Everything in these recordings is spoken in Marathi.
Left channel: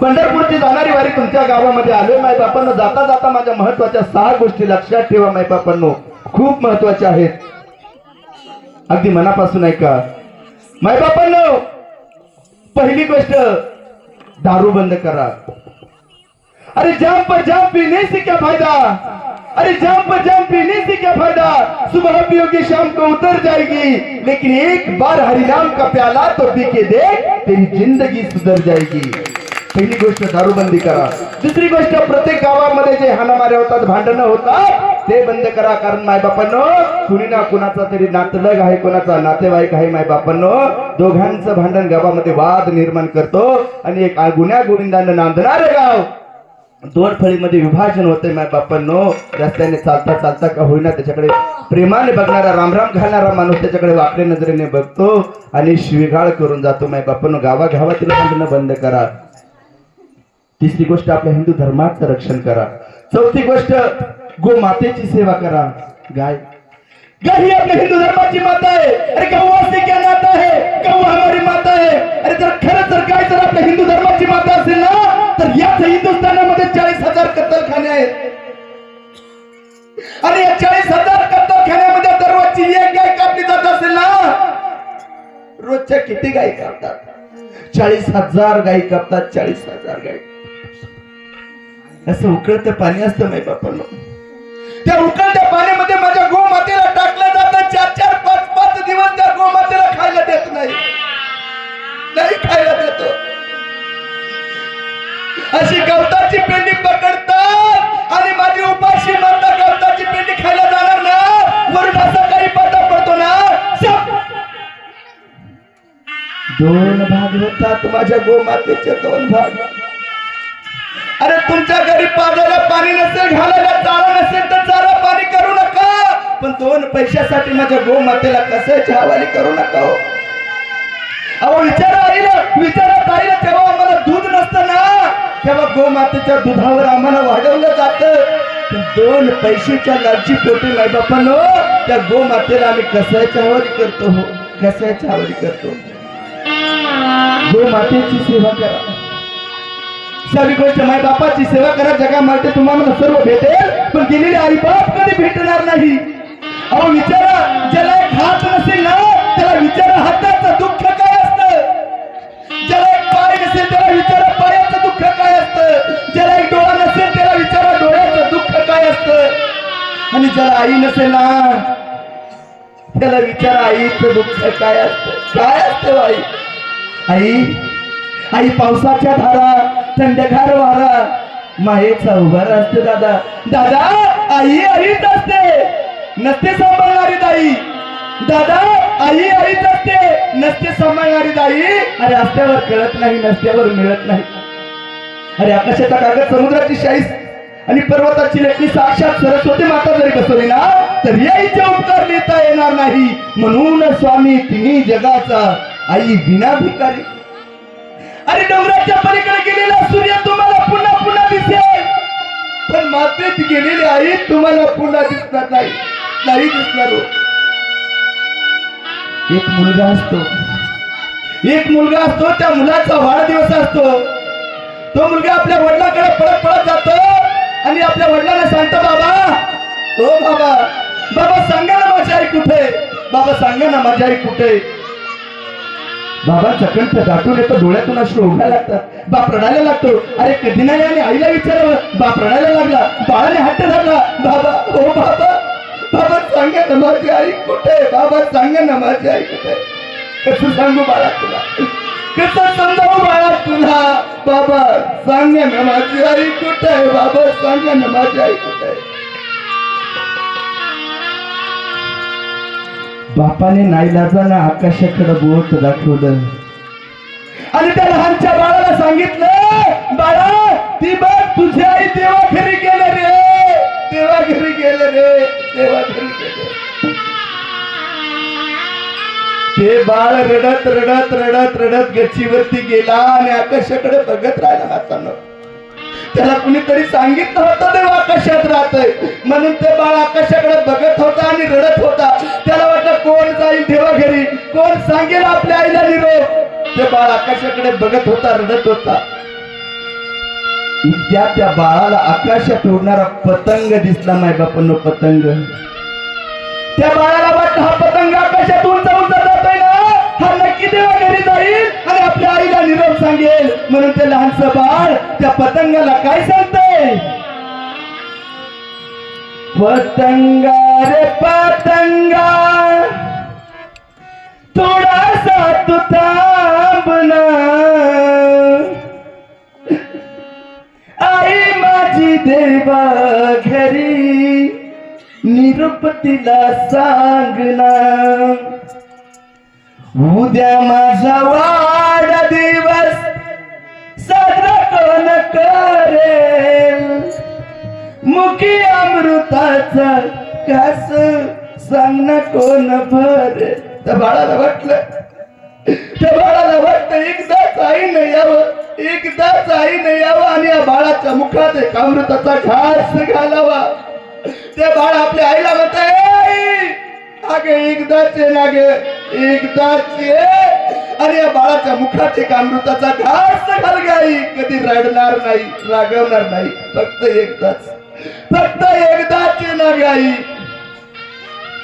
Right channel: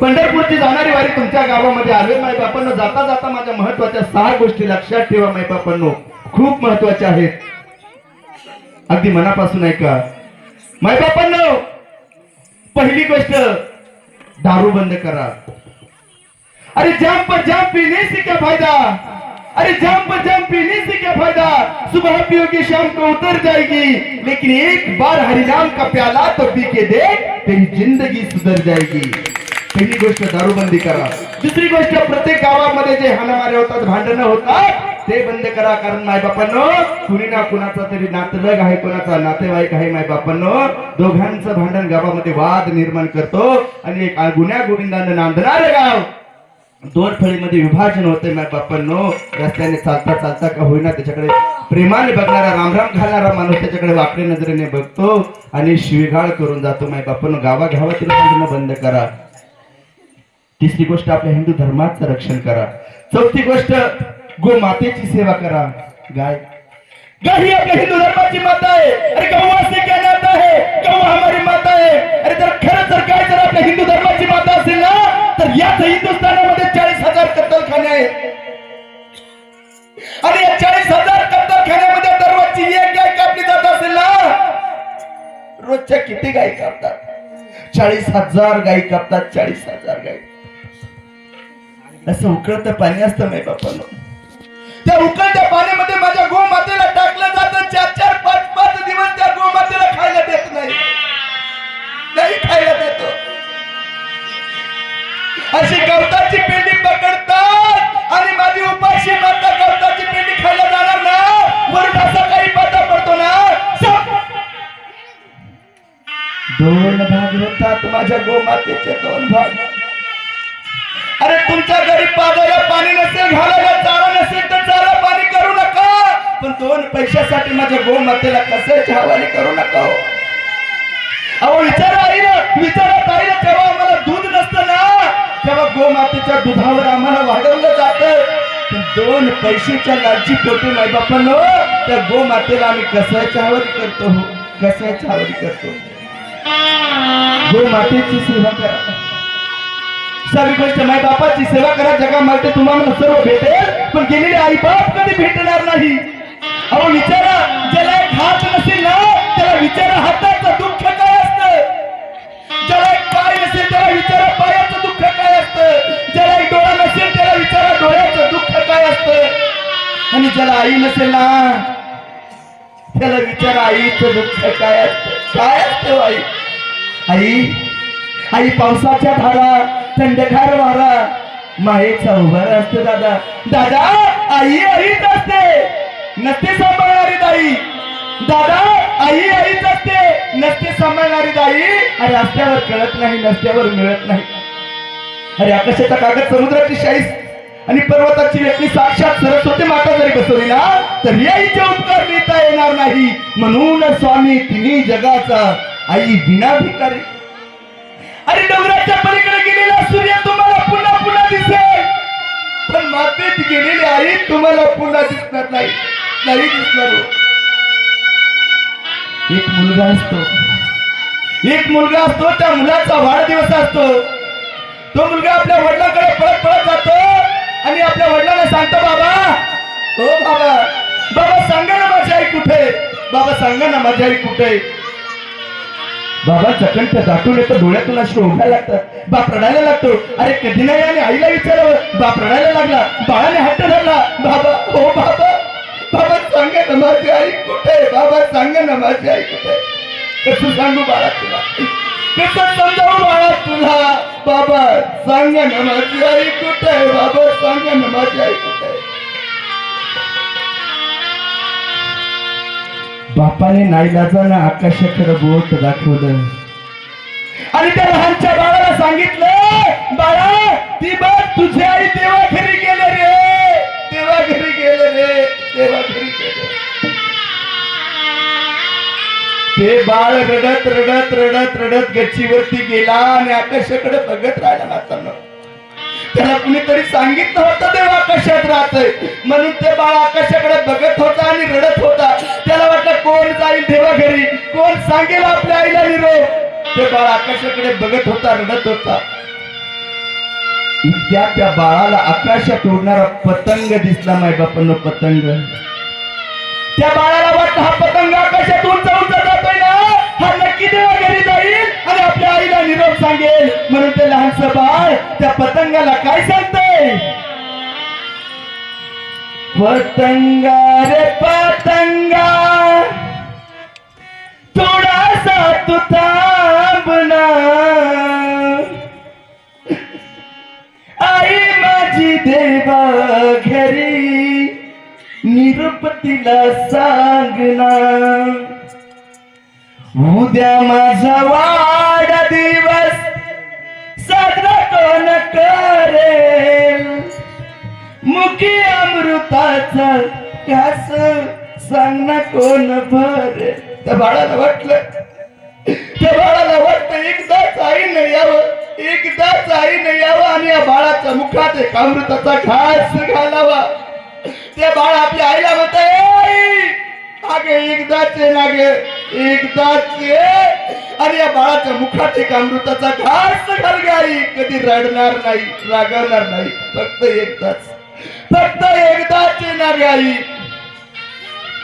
पंढरपूरची जाणारी वारी तुमच्या गावामध्ये आले माय बापांना जाता जाता माझ्या महत्त्वाच्या सहा गोष्टी लक्षात ठेवा माय बापांनो खूप महत्त्वाच्या आहेत. अगदी मनापासून ऐका. माय बापांनो पहिली गोष्ट दारू बंद करा. अरे जाम पर जाम पीने से क्या फायदा? अरे जाम पर जाम पीने से क्या फायदा? सुबह पियोगे शाम को उतर जाएगी। लेकिन एक बार हरिनाम का प्याला तो पी के देख तेरी जिंदगी सुधर जाएगी। पहिली गोष्ट दारूबंदी करा. दुसरी गोष्ट प्रत्येक गावामध्ये जे हाणामारे होतात भांडणं होतात ते बंद करा. कारण मायबापांनो कुणी ना कुणाचा तरी नातेवाईक आहे कोणाचा नातेवाईक आहे मायबापांनो. दोघांचं भांडण गावामध्ये वाद निर्माण करतो. आणि एक गुन्ह्या गोविंदानं नांदणार गाव. दोन फळीमध्ये विभाजन होते माय बापांनो रस्त्याने चालता चालता का होईना त्याच्याकडे प्रेमाने बघणारा रामराम घालणारा माणूस त्याच्याकडे वाकड्या नजरेने बघतो. आणि शिवीगाळ करून जातो माय बापांनो गावागावातील भांडणं बंद करा. तिसरी गोष्ट आपल्या हिंदू धर्माचं रक्षण करा. चौथी गोष्ट गोमातेची सेवा करा. गाय. गाय ही आपल्या हिंदू धर्माची माता आहे. अरे गौ काय क्या आहे? है गौ हमारी माता आहे. अरे जर खरंच जर गाय जर आपल्या हिंदू धर्माची माता असेल ना तर याच हिंदुस्थानामध्ये चाळीस हजार कत्तलखाने आहेत. आणि या चाळीस हजार कत्तलखान्यामध्ये दररोजची एक गाय कापली जात असेल ना रोजच्या किती गाय कापतात? चाळीस हजार गाय कापतात चाळीस हजार गाय. असं उकळतं पाणी असतं नाही बापानं त्या उकळत्या पाण्यामध्ये माझ्या गोमातेला टाकलं जातं. चार चार पाच पाच दिवस त्या गोमातेला खायला देत नाही. नाही खायला देतो. अशी गवताची पेंडी पकडतात आणि माझी उपाशी माता गवताची पेंडी खायला जाणार ना. वरून असा काही पाता पडतो ना. दोन भाग होतात माझ्या गोमातेचे दोन भाग. तुमच्या घरी पाजायला पाणी नसेल घालायला चारा नसेल तर चारा पाणी करू नका. पण दोन पैशासाठी माझ्या गोमातेला कसं हवाली करू नका हो. अहो विचार आईला विचारा आईला तेव्हा आम्हाला दूध नसतं ना. तेव्हा गोमातेच्या दुधावर आम्हाला वाढवलं जातं. पण दोन पैशाच्या लालची पोटी मायबापानो त्या गोमातेला आम्ही कसायच्या हवाली करतो हो? कसायच्या हवाली करतो? गोमातेची सेवा करा. सर्व माय बापाची सेवा करा जगामध्ये तुम्हाला सर्व भेटेल. पण गेलेले आई बाप कधी भेटणार नाही? अहो विचारा ज्याला एक हात नसेल ना त्याला विचारा हाताचं दुःख काय असतं? ज्याला एक पाय नसेल त्याला विचारा पायाचं दुःख काय असतं? ज्याला एक डोळा नसेल त्याला विचारा डोळ्याचं दुःख काय असतं? आणि ज्याला आई नसेल ना त्याला विचारा आईचं दुःख काय असतं? काय असतं आई आई आई पावसाच्या धारा थंडगार वारा मायेचा उभार असतो दादा. दादा आई आईच असते. नसते सांभाळणारी दाई. दादा आई आईच असते. नसते सांभाळणारी दाई. अरे रस्त्यावर कळत नाही नसत्यावर मिळत नाही. अरे आकाशाचा कागद समुद्राची शाईस आणि पर्वताची लेखी साक्षात सरस्वती माता जरी बसवली ना तर याईचे उपकार लिहिता येणार नाही. म्हणून स्वामी तिन्ही जगाचा आई बिनाभिकारी अरे डोंगराच्या पलीकडे सूर्य तुम्हाला पुन्हा पुन्हा दिसेल. पण मातेत गेलेली आई तुम्हाला पुन्हा दिसणार नाही. नाही दिसणार हो. एक मुलगा असतो. एक मुलगा असतो त्या मुलाचा वाढदिवस असतो. तो मुलगा आपल्या वडिलांकडे पळत पळत जातो. आणि आपल्या वडिलांना सांगतो बाबा हो बाबा बाबा सांगा ना माझी आई कुठे? बाबा सांगा ना माझी आई कुठे? बाबा चकंत दाटून येतो डोळ्यातून अशी उठायला लागतात. बाप रडायला लागतो. अरे कधी नाही आणि आईला विचारावं. बाप रडायला लागला. बाळाने हट्ट धरला. बाबा हो बाबा बाबा सांगा ना माझी आई कुठे आहे? बाबा सांगा ना माझी आई कुठे कसं सांगू बाळा तुला? कसं समजावं बाळा तुला? बाबा सांगा ना माझी आई कुठे आहे? बाबा सांगा ना माझी आई कुठे बापाने नाईलाजानं आकाशाकडे बोट दाखवलं. आणि त्या लहानच्या बाळाला सांगितलं बाळा ती बाळ तुझी आई देवा घरी गेले रे. देवा घरी गेले रे देवा घरी गेले ते बाळ रडत रडत रडत रडत गच्चीवरती गेला आणि आकाशाकडे बघत राहिला हातानं. त्याला कुणीतरी सांगितलं होतं देव आकाशात राहतय. म्हणून ते बाळ आकाशाकडे बघत होता आणि रडत कोण जाईल देवा घरी? कोण सांगेल आपल्या आईला निरोप ते बाळ आकाशाकडे बघत होता रडत होता. इतक्या त्या बाळाला आकाशात उडणारा पतंग दिसला नाही बापांनो पतंग. त्या बाळाला वाटत हा पतंग आकाशात उंच उंच जातोय ना? हा नक्की देवा घरी जाईल आणि आपल्या आईला निरोप सांगेल. म्हणून ते लहानस बाळ त्या पतंगाला काय सांगतंय? पतंगा रे पतंगा. थोडासा तू थांबना आई माझी देवा घरी निरूप सांगना उद्या माझा वाढ दिवस साजरा कोण करेल मुखी अमृताचा कास सांग कोण भर त्या बाळाला वाटलं. त्या बाळाला वाटतं एकदाच आईने यावं एकदाच नाही यावं आणि या बाळाच्या मुखात एक अमृताचा घास घालावा. ते बाळ आपल्या आईला म्हणत अगे एकदाच ये ना गे एकदाच. ये आणि या बाळाच्या मुखात एक अमृताचा घास घाल आई. कधी रडणार नाही रागवणार नाही फक्त एकदाच फक्त एकदाच ये ना गे आई.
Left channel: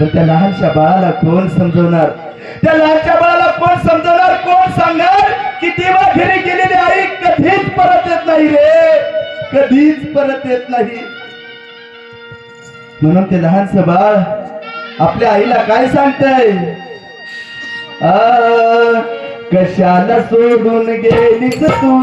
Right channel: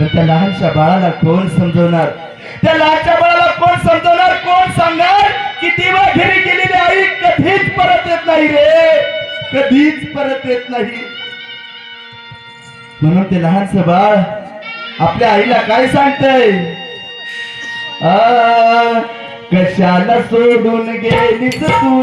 तर त्या लहानशा बाळाला कोण समजवणार? त्या लहानशा बाळाला कोण समजवणार? कोण सांगणार की तेव्हा घरी गेलेली आई कधीच परत येत नाही रे? कधीच परत येत नाही. म्हणून ते लहानस बाळ आपल्या आईला काय सांगतय? कशाला सोडून गेलीस तू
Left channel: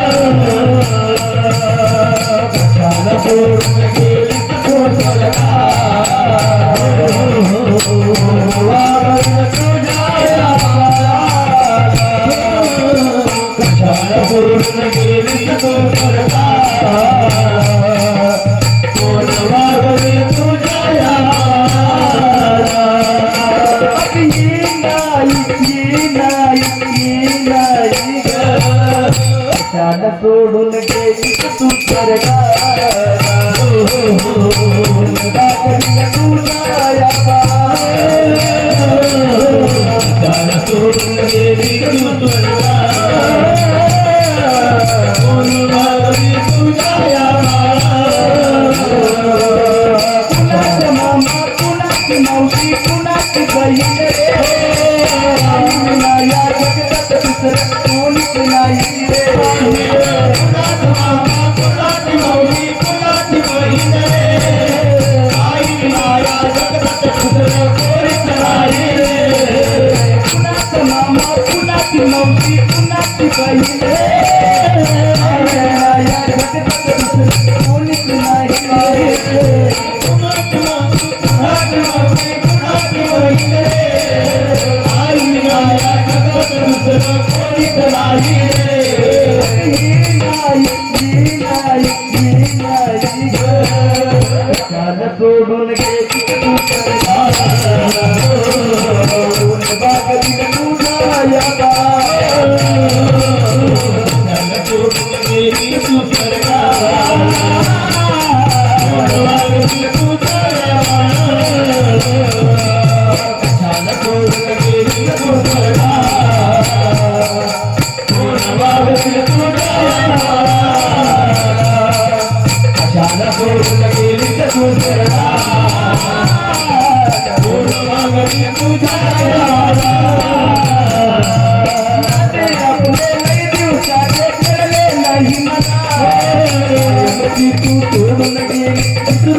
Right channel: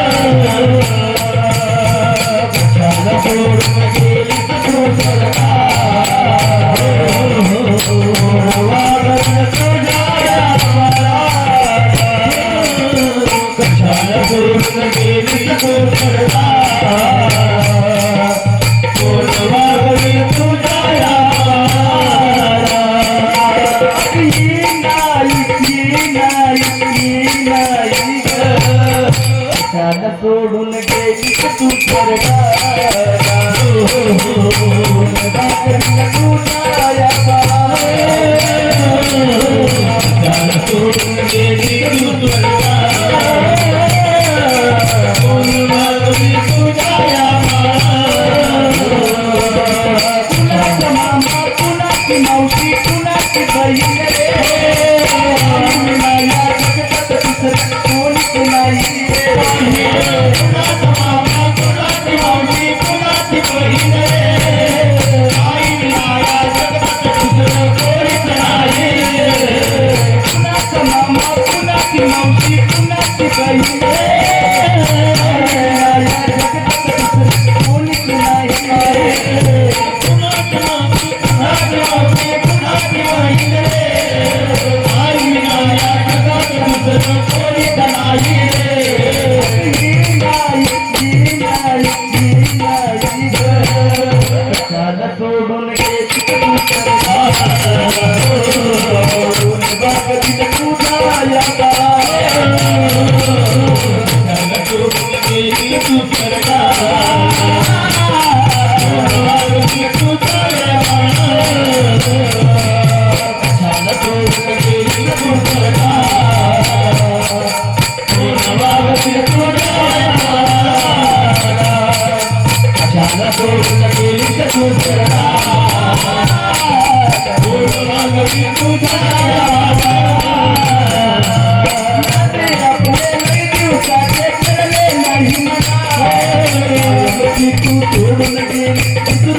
सोडून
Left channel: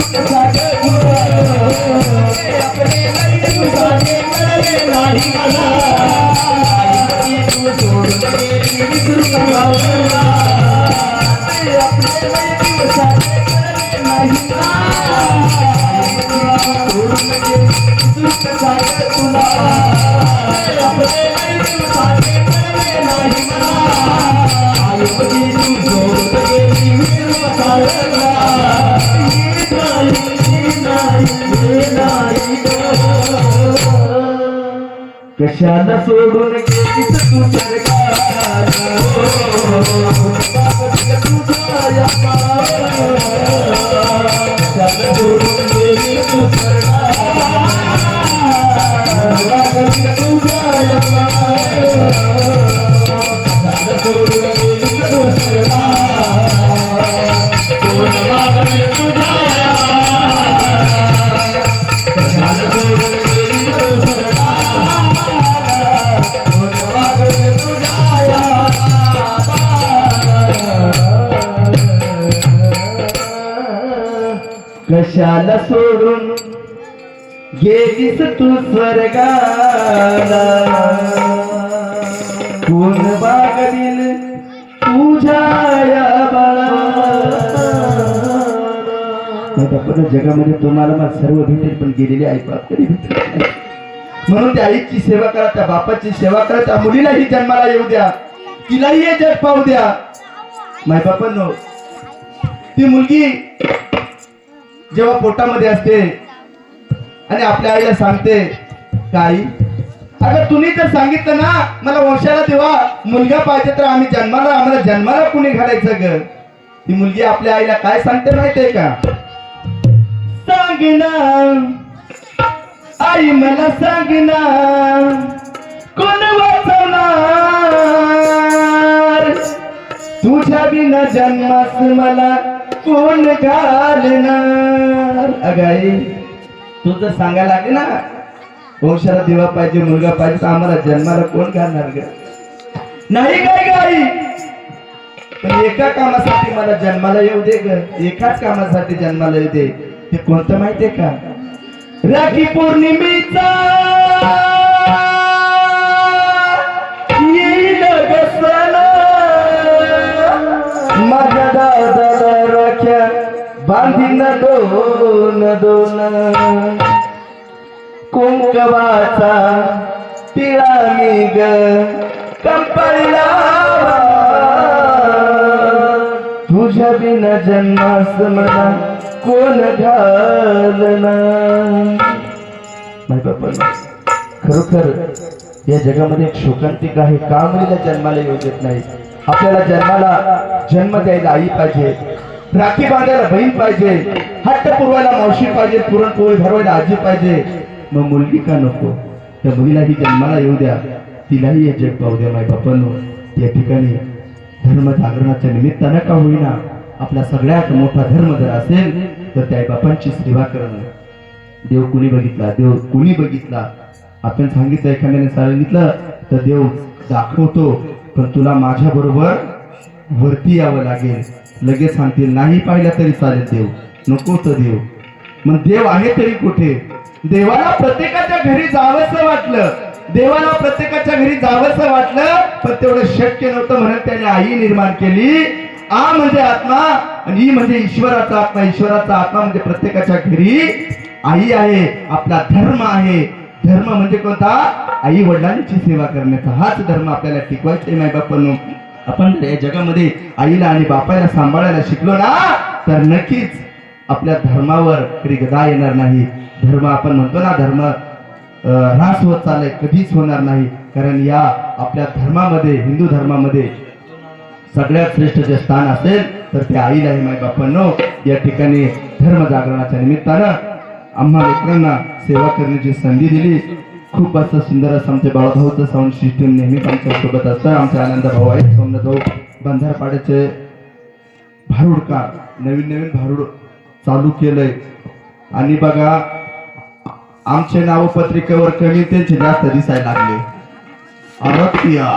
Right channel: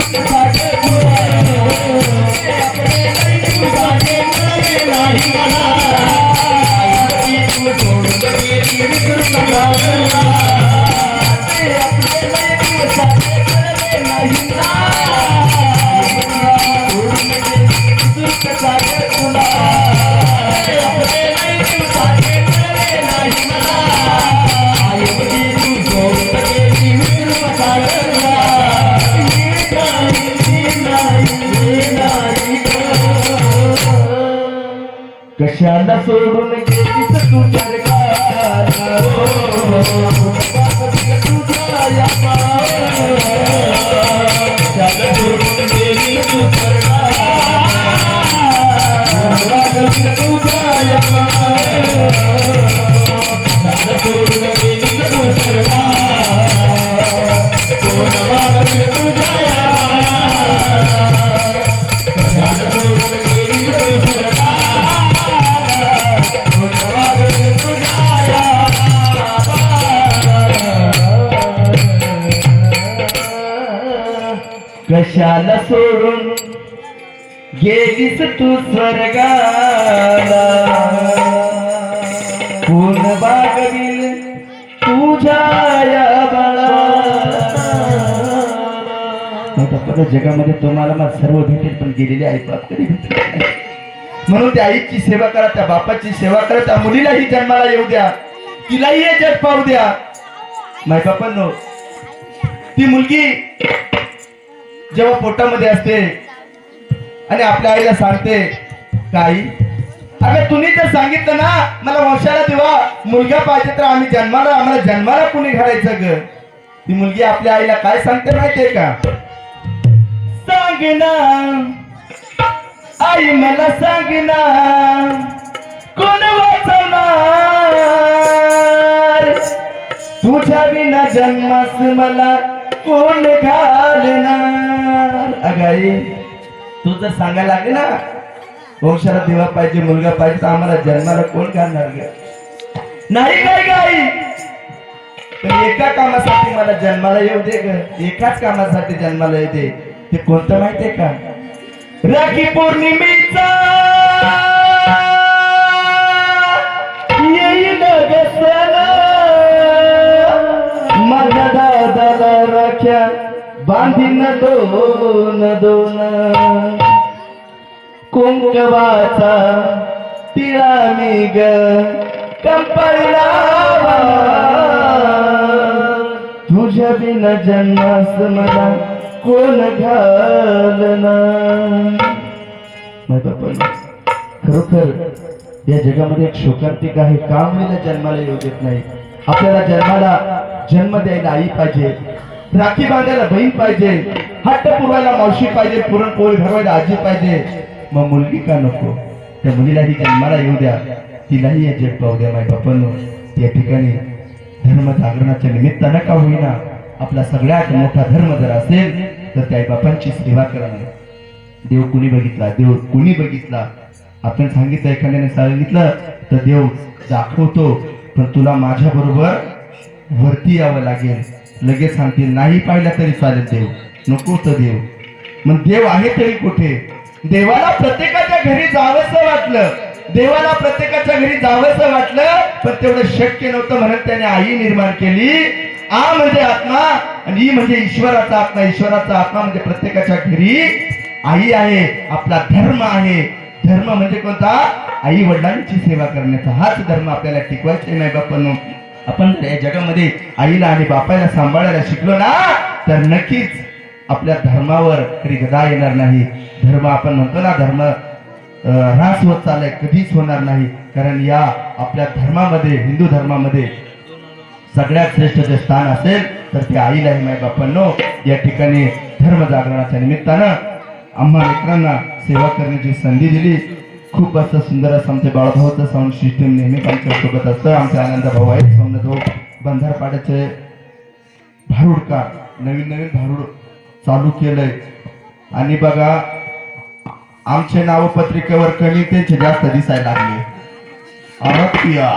कशाला सोडून गेलीस तू गेलीस तू स्वर्गाला कोण बागडील तुझ्या बाळा जगामध्ये तुम्हाला मला सर्व भेटेल पण गेलेली आई बाप कधी म्हणून त्या आईची सेवा करा त्या बापाची सेवा करा त्या मुलीलाही जन्माला येऊ द्या. तिलाही हे जग पाहू द्या. माय बापांनो ती मुलगी जेव्हा पोटामध्ये असते आणि आपल्या आईला सांगते काय अगं तुम्ही तर सांगितलं ना मला वंशाला देवा मुलगा पाहिजे तर आम्ही जन्माला आम्हाला जन्माला कुणी घालायचं ग? ती मुलगी आपल्या आईला काय सांगते माहितीये का? सांग ना आई मला सांग ना कोण वाचणार तुझ्या बिना जन्मास मला कोण घालणार? अगाई तू जर सांगायला लागले ना वंशाला देवा पाहिजे मुलगा पाहिजे तर आम्हाला जन्माला कोण घालणार ग? नाही काय गाई? पण एका कामासाठी मला जन्माला येऊ दे ग. एकाच कामासाठी जन्माला येऊ दे. ते कोणतं माहितीये का? राखी पौर्णिमेचा येईल ग माझ्या राख्या बांधीन दोन दोन. कुंकवाचा तिळा मी ग कंपनीला तुझ्या बिना जन्मास मला कोण घालणार नाही खरोखर या जगामध्ये एक शोकांतिक आहे. का मुलीला जन्माला येऊ देत नाही आपल्याला जन्माला जन्म द्यायला आई पाहिजे. राखी बांधायला बहीण पाहिजे हट्ट पुरवायला मावशी पाहिजे पुरणपोळी भरवायला आजी पाहिजे. मग मुलगी का नको? त्या मुलीलाही जन्माला येऊ द्या. तिलाही हे जग पाहू द्या माय बापांनो. या ठिकाणी धर्म जागरणाच्या निमित्तानं का होईना आपला सगळ्यात मोठा धर्म जर असेल तर त्या बापांची सेवा करणं देव कुणी बघितला? देव कुणी बघितला? आपण सांगितलं एखाद्याने सांगितलं तर देव दाखवतो पण तुला माझ्या बरोबर वरती यावं लागेल. लगेच सांगतील नाही पाहिला तरी चालेल देव नको तर देव. मग देव आहे तरी कुठे? देवाला प्रत्येकाच्या घरी जावंसं वाटलं. देवाला प्रत्येकाच्या घरी जावंसं वाटलं पण तेवढं शक्य नव्हतं म्हणून त्याने आई निर्माण केली. आ म्हणजे आत्मा आणि ई म्हणजे ईश्वराचा आत्मा ईश्वराचा आत्मा म्हणजे प्रत्येकाच्या घरी आई आहे आपला धर्म आहे. धर्म म्हणजे कोणता? आई वडिलांची सेवा करण्याचा हाच धर्म आपल्याला टिकवायचा नाही बापांनो आपण जर या जगामध्ये आईला आणि बापाला सांभाळायला शिकलो ना तर नक्कीच आपल्या धर्मावर कधी गदा येणार नाही. धर्म आपण म्हणतो ना धर्म ऱ्हास होत चाललाय कधीच होणार नाही. कारण या आपल्या धर्मामध्ये हिंदू धर्मामध्ये सगळ्यात श्रेष्ठ जे स्थान असेल तर ते आईला आहे माय बापांनो या ठिकाणी धर्म जागरणाच्या निमित्तानं आम्हा मित्रांना सेवा करण्याची संधी दिली. खूप असं सुंदर असं आमच्या बाळभाऊचं साऊंड सिस्टीम नेहमीच आमच्यासोबत असतं. आमचे आनंद भाऊ आहेत. सोमनाथ भाऊ बंधारपाड्याचे भारूडकार. नवीन नवीन भारूड चालू केलंय. आणि बघा आमचे नाव पत्रिकेवर कमी त्यांचे जास्त दिसायला लागले. अरक्तिया